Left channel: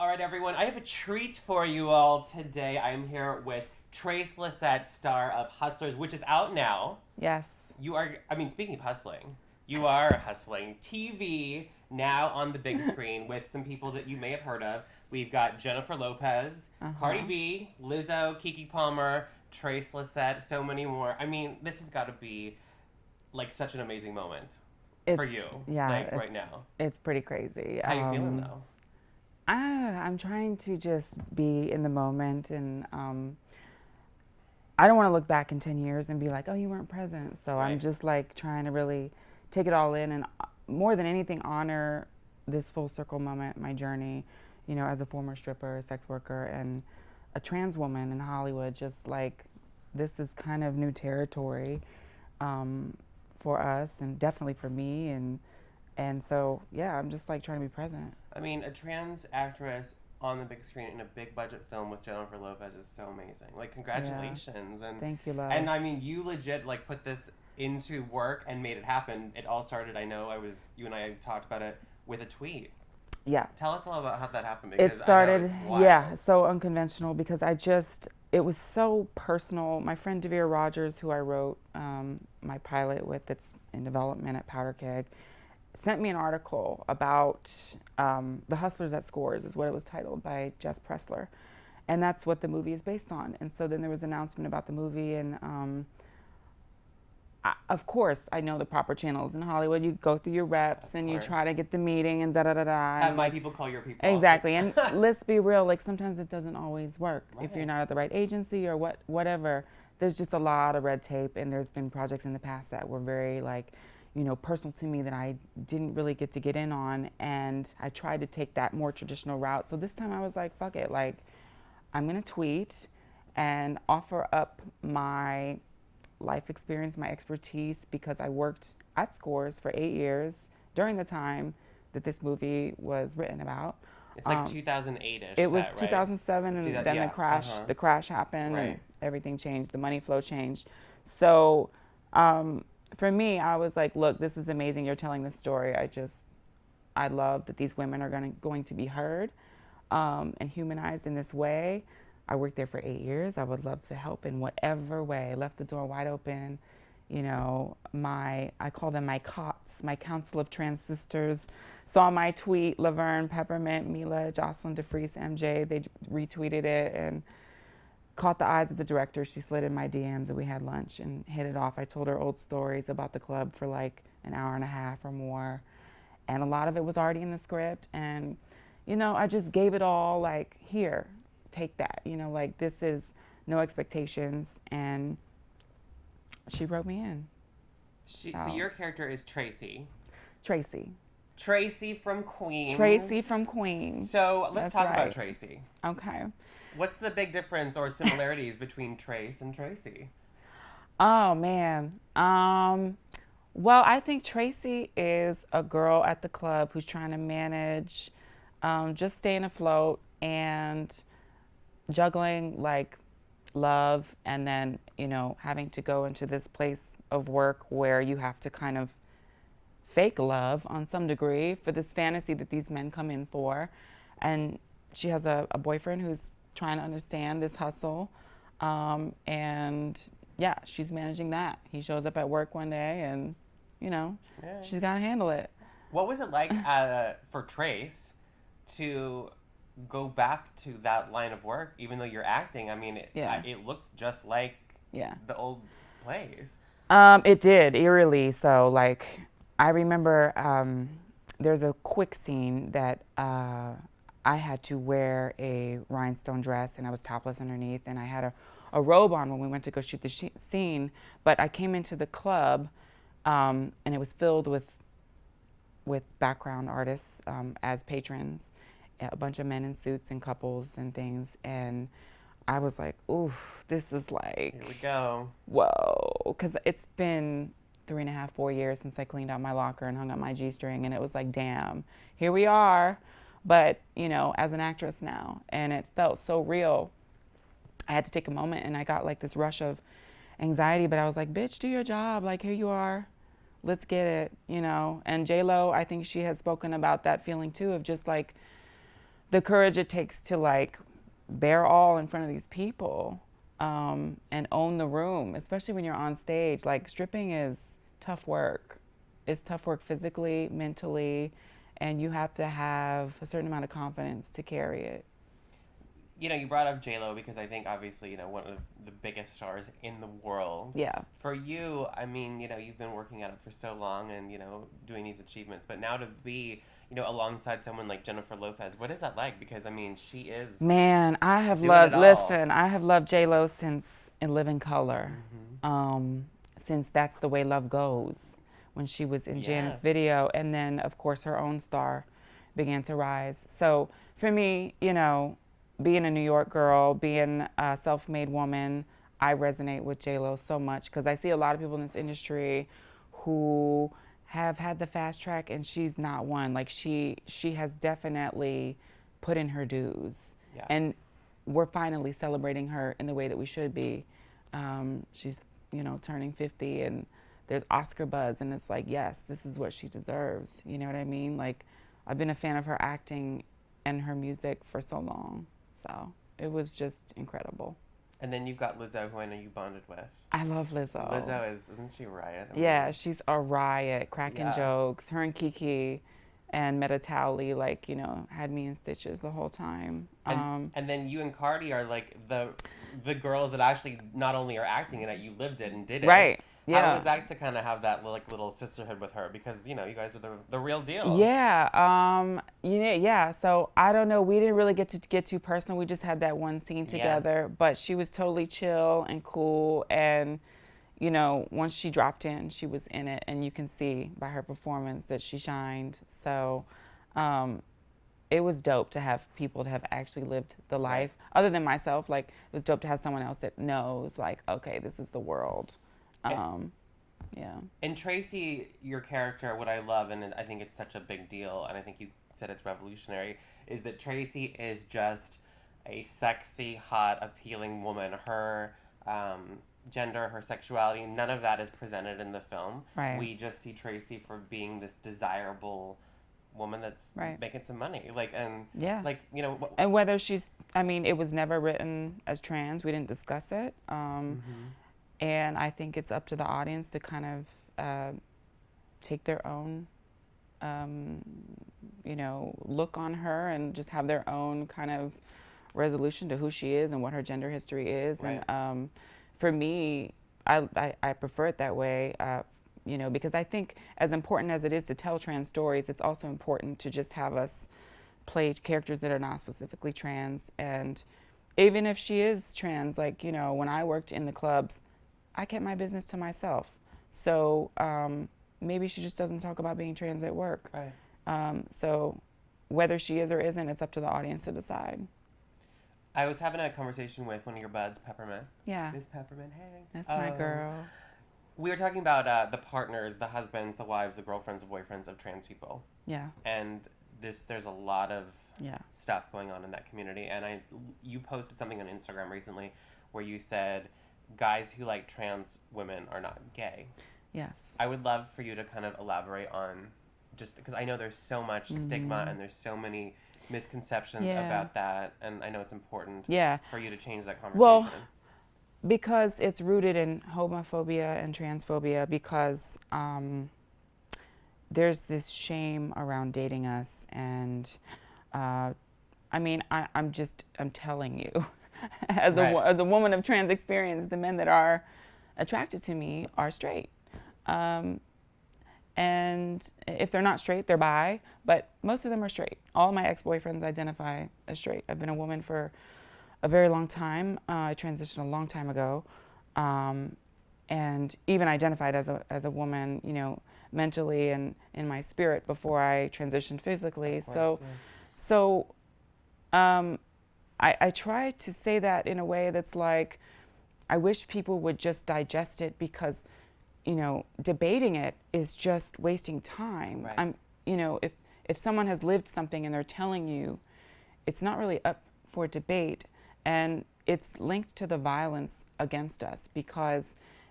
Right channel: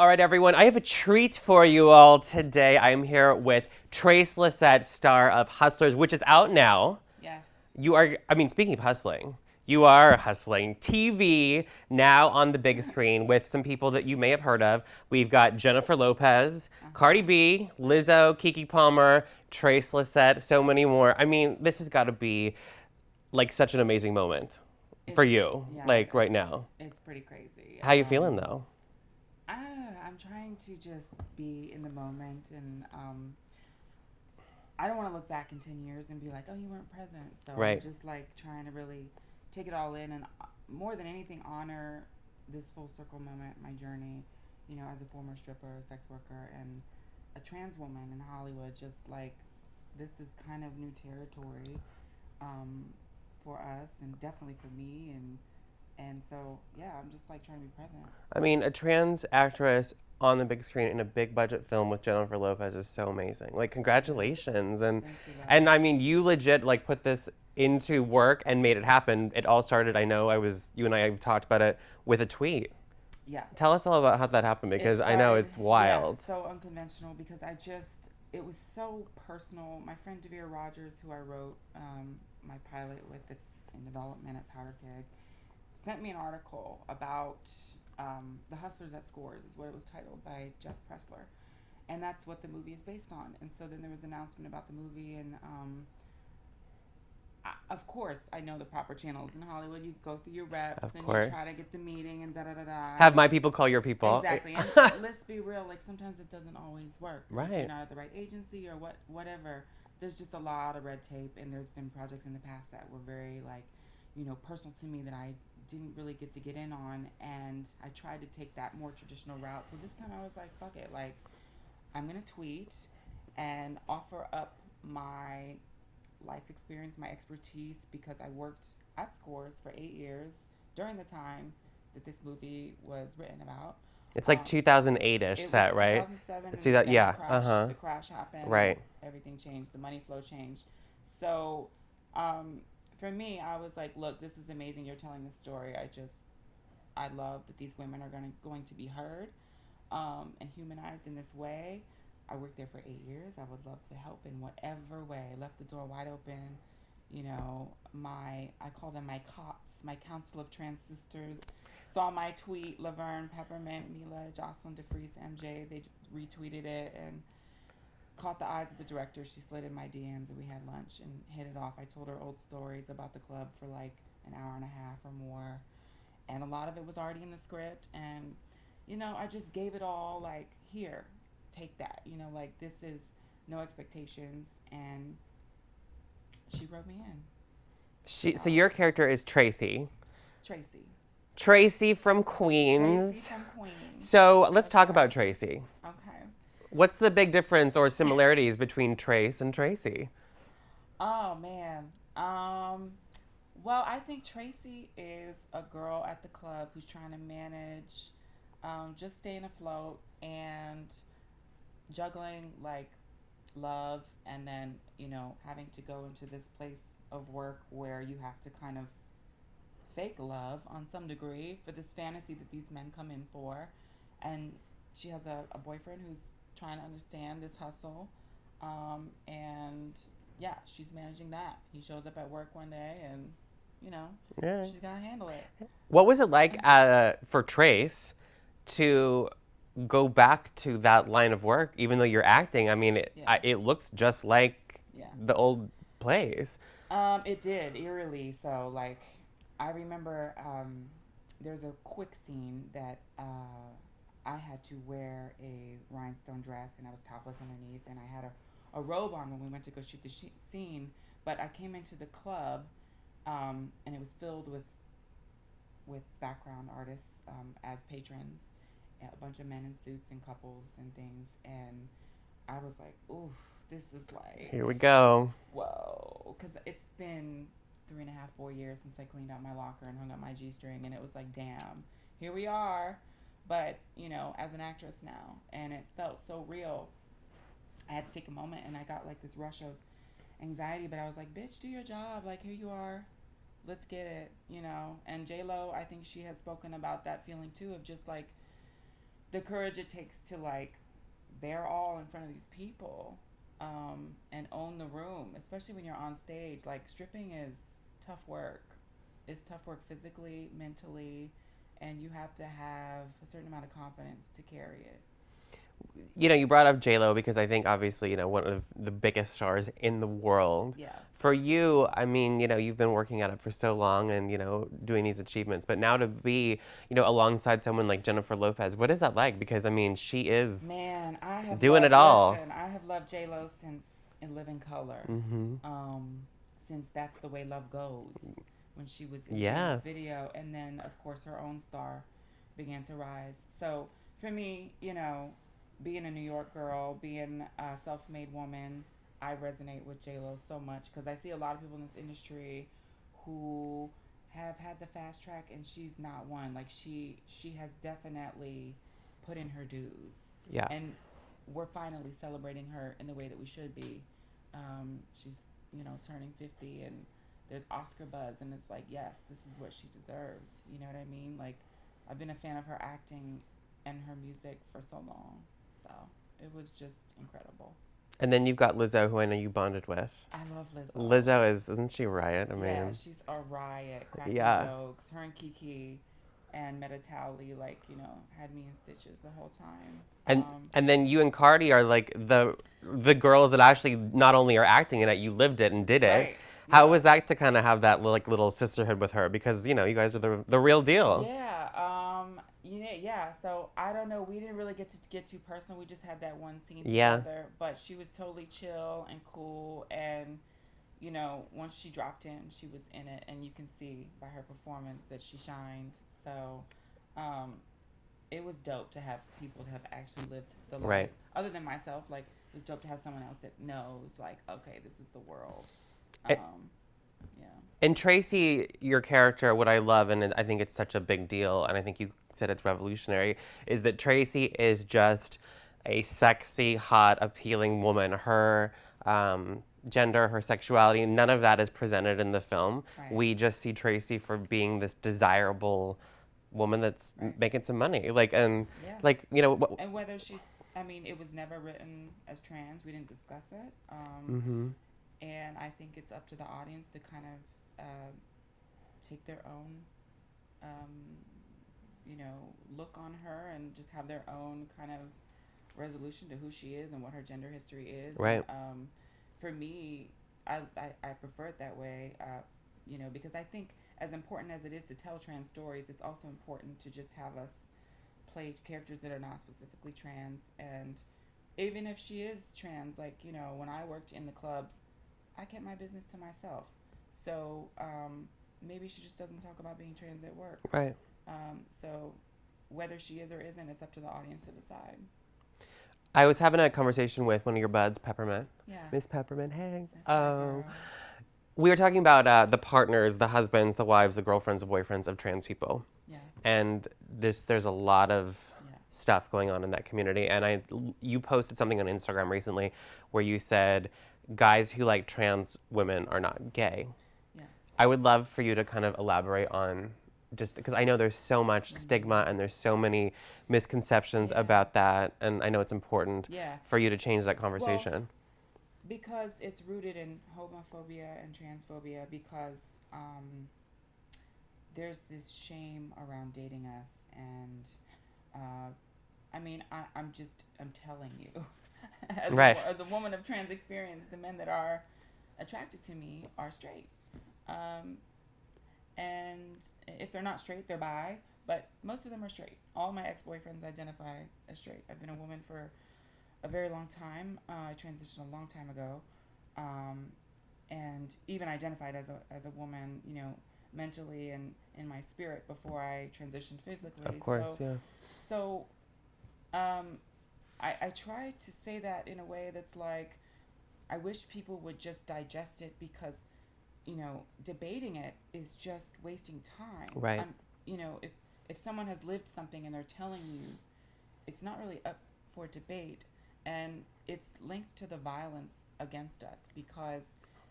All right, everyone, I have a treat for you all today. I am here with Trace Lysette, star of Hustlers, which is out now. Yes. Speaking of hustling, you are hustling TV now on the big screen with some people that you may have heard of. We've got Jennifer Lopez, Cardi B, Lizzo, Keke Palmer, Trace Lysette, so many more. I mean, this has got to be like such an amazing moment for you, right now. It's pretty crazy. How you feeling though? I'm trying to just be in the moment, and I don't want to look back in 10 years and be like, oh, you weren't present. So Right. I'm just like trying to really take it all in, and more than anything, honor this full circle moment, my journey, as a former stripper, sex worker, and a trans woman in Hollywood. Just like this is kind of new territory for us, and definitely for me, and so, yeah, I'm just like trying to be present. I mean, a trans actress on the big screen in a big budget film with Jennifer Lopez is so amazing. Like, congratulations. And Thank you, love. and I mean, you legit like put this into work and made it happen. It all started, you and I have talked about it with a tweet. Yeah. Tell us all about how that happened, because It I know started, it's wild. yeah, so unconventional, because it was so personal. My friend Devere Rogers, who I wrote my pilot with, that's in development at Powder Keg, sent me an article about The Hustlers at Scores, is what it was titled, by Jess Pressler. And that's what the movie is based on. And so then there was an announcement about the movie, and of course, I know the proper channels in Hollywood. You go through your reps, Of and course. you try to get the meeting, and da-da-da-da. Have my people call your people. Exactly. And let's be real, like sometimes it doesn't always work. If Right. you're not at the right agency or whatever, there's just a lot of red tape, and there's been projects in the past that were very personal to me that I didn't really get to get in on, and I tried to take that more traditional route. So this time I was like, fuck it, like I'm gonna tweet and offer up my life experience, my expertise, because I worked at Scores for 8 years during the time that this movie was written about. It's like 2008-ish It was set, right? 2007, It's and then yeah, the crash. uh-huh. The crash happened. Right. And everything changed. The money flow changed. So, for me, I was like, look, this is amazing. You're telling this story. I love that these women are going to be heard and humanized in this way. I worked there for 8 years. I would love to help in whatever way. I left the door wide open. I call them my COTS, my Council of Trans Sisters. Saw my tweet, Laverne, Peppermint, Mila, Jocelyn DeFreeze, MJ. They retweeted it and caught the eyes of the director. She slid in my DMs, and we had lunch and hit it off. I told her old stories about the club for like an hour and a half or more. And a lot of it was already in the script. And, I just gave it all, like, here, take that. Like, this is no expectations. And she wrote me in. So your character is Tracy. Tracy from Queens. Tracy from Queens. So let's That's talk right. about Tracy. Okay. What's the big difference or similarities between Trace and Tracy? Oh, man. Well, I think Tracy is a girl at the club who's trying to manage, just staying afloat and juggling like love, and then, having to go into this place of work where you have to kind of fake love on some degree for this fantasy that these men come in for. And she has a boyfriend who's trying to understand this hustle. And yeah, she's managing that. He shows up at work one day, and, she's got to handle it. What was it like for Trace to go back to that line of work, even though you're acting? I mean, it looks just like the old plays. It did, eerily. So, like, I remember there's a quick scene that I had to wear a rhinestone dress, and I was topless underneath, and I had a robe on when we went to go shoot the scene. But I came into the club, and it was filled with background artists as patrons, a bunch of men in suits and couples and things, and I was like, ooh, this is like... Here we go. Whoa, because it's been 3.5, 4 years since I cleaned out my locker and hung up my G-string, and it was like, damn, here we are, but, as an actress now, and it felt so real. I had to take a moment, and I got like this rush of anxiety, but I was like, bitch, do your job, like, here you are, let's get it, And J-Lo, I think she has spoken about that feeling too, of just like the courage it takes to like bear all in front of these people, and own the room, especially when you're on stage. Like stripping is tough work. It's tough work physically, mentally, and you have to have a certain amount of confidence to carry it. You know, you brought up J-Lo because I think obviously, you know, one of the biggest stars in the world. Yeah. For you, I mean, you know, you've been working at it for so long and, you know, doing these achievements. But now to be, you know, alongside someone like Jennifer Lopez, what is that like? Because, I mean, she is Man, I have doing loved, it all. listen, I have loved J-Lo since In Living Color. Since That's the Way Love Goes, when she was in Janet's Yes. video. And then, of course, her own star began to rise. So for me, you know, being a New York girl, being a self-made woman, I resonate with J-Lo so much because I see a lot of people in this industry who have had the fast track, and she's not one. Like she has definitely put in her dues. Yeah. And we're finally celebrating her in the way that we should be. She's, you know, turning 50, and there's Oscar buzz, and it's like, yes, this is what she deserves. You know what I mean? Like, I've been a fan of her acting and her music for so long. So it was just incredible. And then you've got Lizzo, who I know you bonded with. I love Lizzo. Lizzo isn't she a riot? I Yeah, mean, she's a riot, cracking Yeah. jokes. Her and Kiki and Meta Towley, like, you know, had me in stitches the whole time. and then you and Cardi are like the girls that actually not only are acting in it, you lived it and did it. Right. How Yeah. was that to kind of have that little sisterhood with her? Because, you know, you guys are the real deal. Yeah, yeah. So I don't know. We didn't really get too personal. We just had that one scene Yeah. together. But she was totally chill and cool. And you know, once she dropped in, she was in it, and you can see by her performance that she shined. So it was dope to have people that have actually lived the life, Right. other than myself. Like, it was dope to have someone else that knows, like, okay, this is the world. Yeah. And Tracy, your character, what I love, and I think it's such a big deal, and I think you said it's revolutionary, is that Tracy is just a sexy, hot, appealing woman. Her gender, her sexuality, none of that is presented in the film. Right. We just see Tracy for being this desirable woman that's Right. making some money. Like, and Yeah. like, you know, And whether she's, I mean, it was never written as trans. We didn't discuss it. And I think it's up to the audience to kind of take their own, you know, look on her and just have their own kind of resolution to who she is and what her gender history is. Right. And for me, I prefer it that way, you know, because I think as important as it is to tell trans stories, it's also important to just have us play characters that are not specifically trans. And even if she is trans, like, you know, when I worked in the clubs, I kept my business to myself. So maybe she just doesn't talk about being trans at work. right. So whether she is or isn't, it's up to the audience to decide. I was having a conversation with one of your buds, Peppermint. Yeah, Miss Peppermint, hey. that's my girl. We were talking about the partners, the husbands, the wives, the girlfriends, the boyfriends of trans people. Yeah, And there's a lot of yeah, stuff going on in that community. And you posted something on Instagram recently where you said guys who like trans women are not gay. yes. I would love for you to kind of elaborate on, just because I know there's so much stigma and there's so many misconceptions Yeah. about that, and I know it's important Yeah. for you to change that conversation. Well, because it's rooted in homophobia and transphobia, because there's this shame around dating us. And I mean, I'm telling you, as, Right. as a woman of trans experience, the men that are attracted to me are straight. And if they're not straight, they're bi, but most of them are straight. All my ex-boyfriends identify as straight. I've been a woman for a very long time. I transitioned a long time ago, and even identified as a woman, you know, mentally and in my spirit before I transitioned physically. Of course, yeah. So I try to say that in a way that's like, I wish people would just digest it, because, you know, debating it is just wasting time. Right. You know, if someone has lived something and they're telling you, it's not really up for debate, and it's linked to the violence against us, because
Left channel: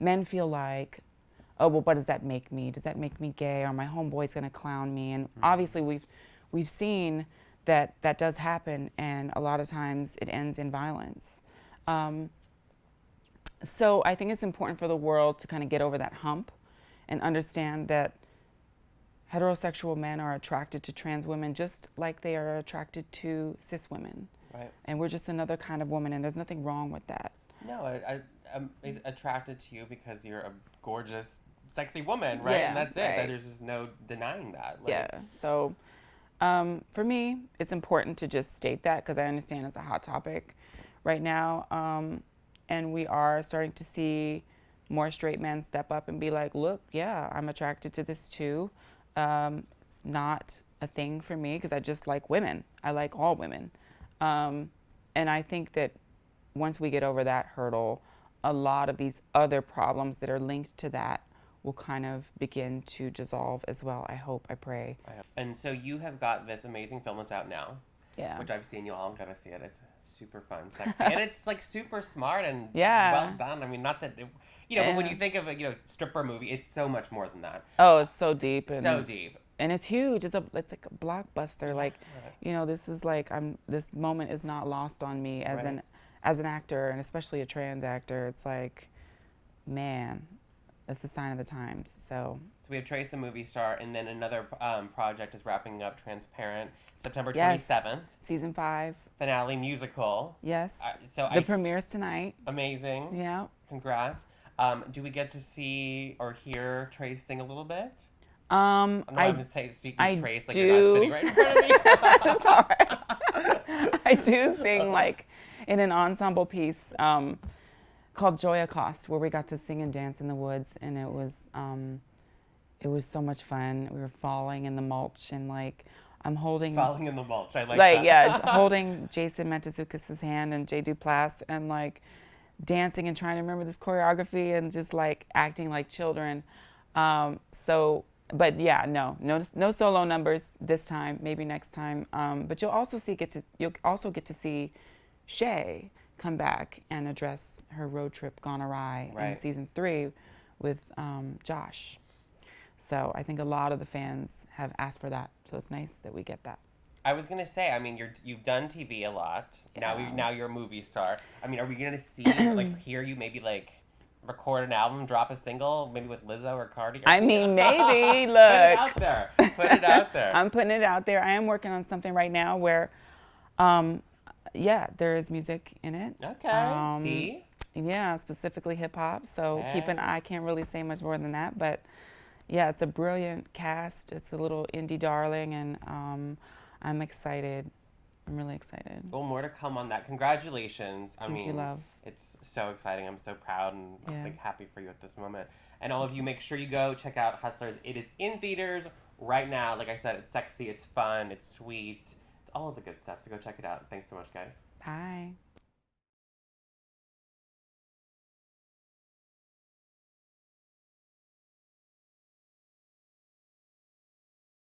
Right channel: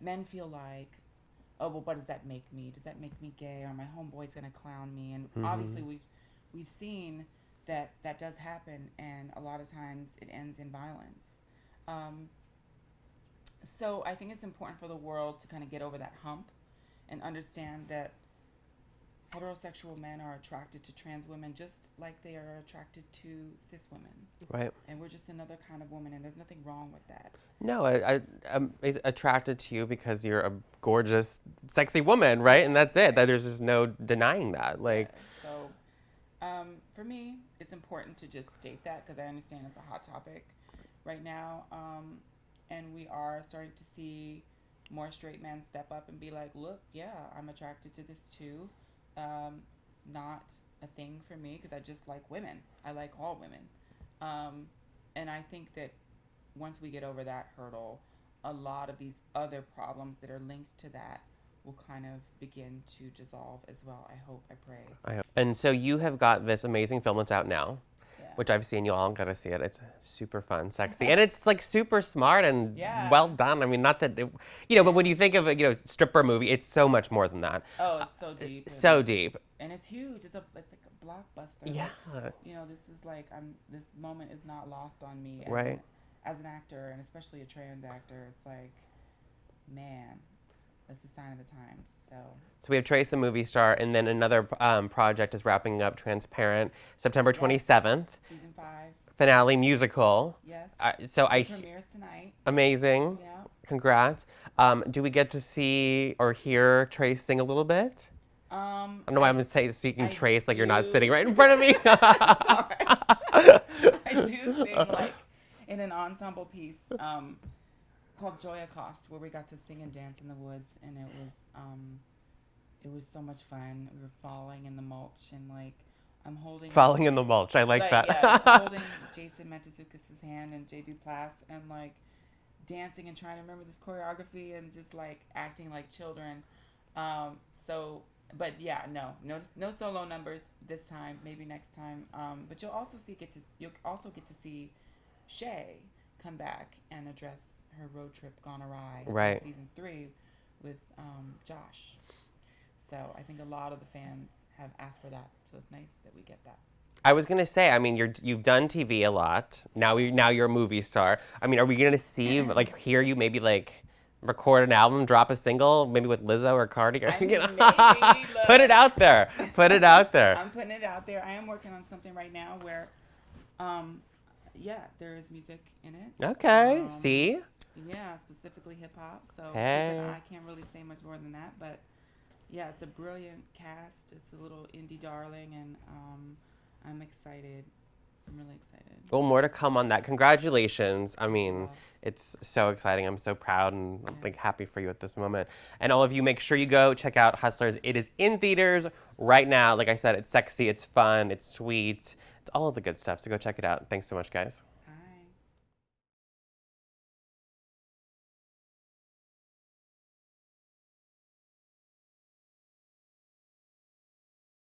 men feel like, oh, well, what does that make me? Does that make me gay? Or my homeboy's gonna clown me? And obviously we've seen that does happen, and a lot of times it ends in violence. So I think it's important for the world to kind of get over that hump and understand that heterosexual men are attracted to trans women just like they are attracted to cis women. Right. And we're just another kind of woman, and there's nothing wrong with that. No, I'm attracted to you because you're a gorgeous, sexy woman, right? Yeah, and that's it. right. That there's just no denying that. Like, Yeah. So for me, it's important to just state that because I understand it's a hot topic right now. And we are starting to see more straight men step up and be like, look, yeah, I'm attracted to this too. It's not a thing for me because I just like women. I like all women. And I think that once we get over that hurdle, a lot of these other problems that are linked to that will kind of begin to dissolve as well. I hope, I pray. I hope. And so you have got this amazing film that's out now. Yeah. Which I've seen. You all gotta see it. It's super fun, sexy, and it's like super smart and Yeah. well done. I mean, not that but when you think of a stripper movie, it's so much more than that. Oh, it's so deep. So deep. And it's huge. It's like a blockbuster. Yeah. Like, this is like this moment is not lost on me as Right. as an actor, and especially a trans actor. It's like, man, it's a sign of the times. So we have Trace, the movie star, and then another project is wrapping up, Transparent, September 27th. Season 5. Finale musical. Yes. The premieres tonight. Amazing. Yeah. Congrats. Do we get to see or hear Trace sing a little bit? I don't know why I'm speaking Trace like you're not sitting right in front of me. Sorry. I do sing like in an ensemble piece called Joya Cost, where we got to sing and dance in the woods, and it was so much fun. We were falling in the mulch, and like I'm holding Falling in the mulch. I like that. Yeah, holding Jason Mantzoukas' hand and Jay Duplass, and like dancing and trying to remember this choreography and just like acting like children. But yeah, no solo numbers this time. Maybe next time. But you'll also get to see Shay come back and address her road trip gone awry in season 3 with Josh. So I think a lot of the fans have asked for that. So it's nice that we get that. I was gonna say, I mean, you've done TV a lot. Now you're a movie star. I mean, are we gonna see hear you maybe record an album, drop a single, maybe with Lizzo or Cardi? I mean, maybe. Look. Put it out there. Put it out there. I'm putting it out there. I am working on something right now where, there is music in it. Okay. See? Yeah, specifically hip hop. So keep an eye. I can't really say much more than that, but yeah, it's a brilliant cast. It's a little indie darling, and I'm excited. I'm really excited. Well, more to come on that. Congratulations. Thank you, love. It's so exciting. I'm so proud and happy for you at this moment. And all of you, make sure you go check out Hustlers. It is in theaters right now. Like I said, it's sexy, it's fun, it's sweet. It's all of the good stuff. So go check it out. Thanks so much, guys. Bye.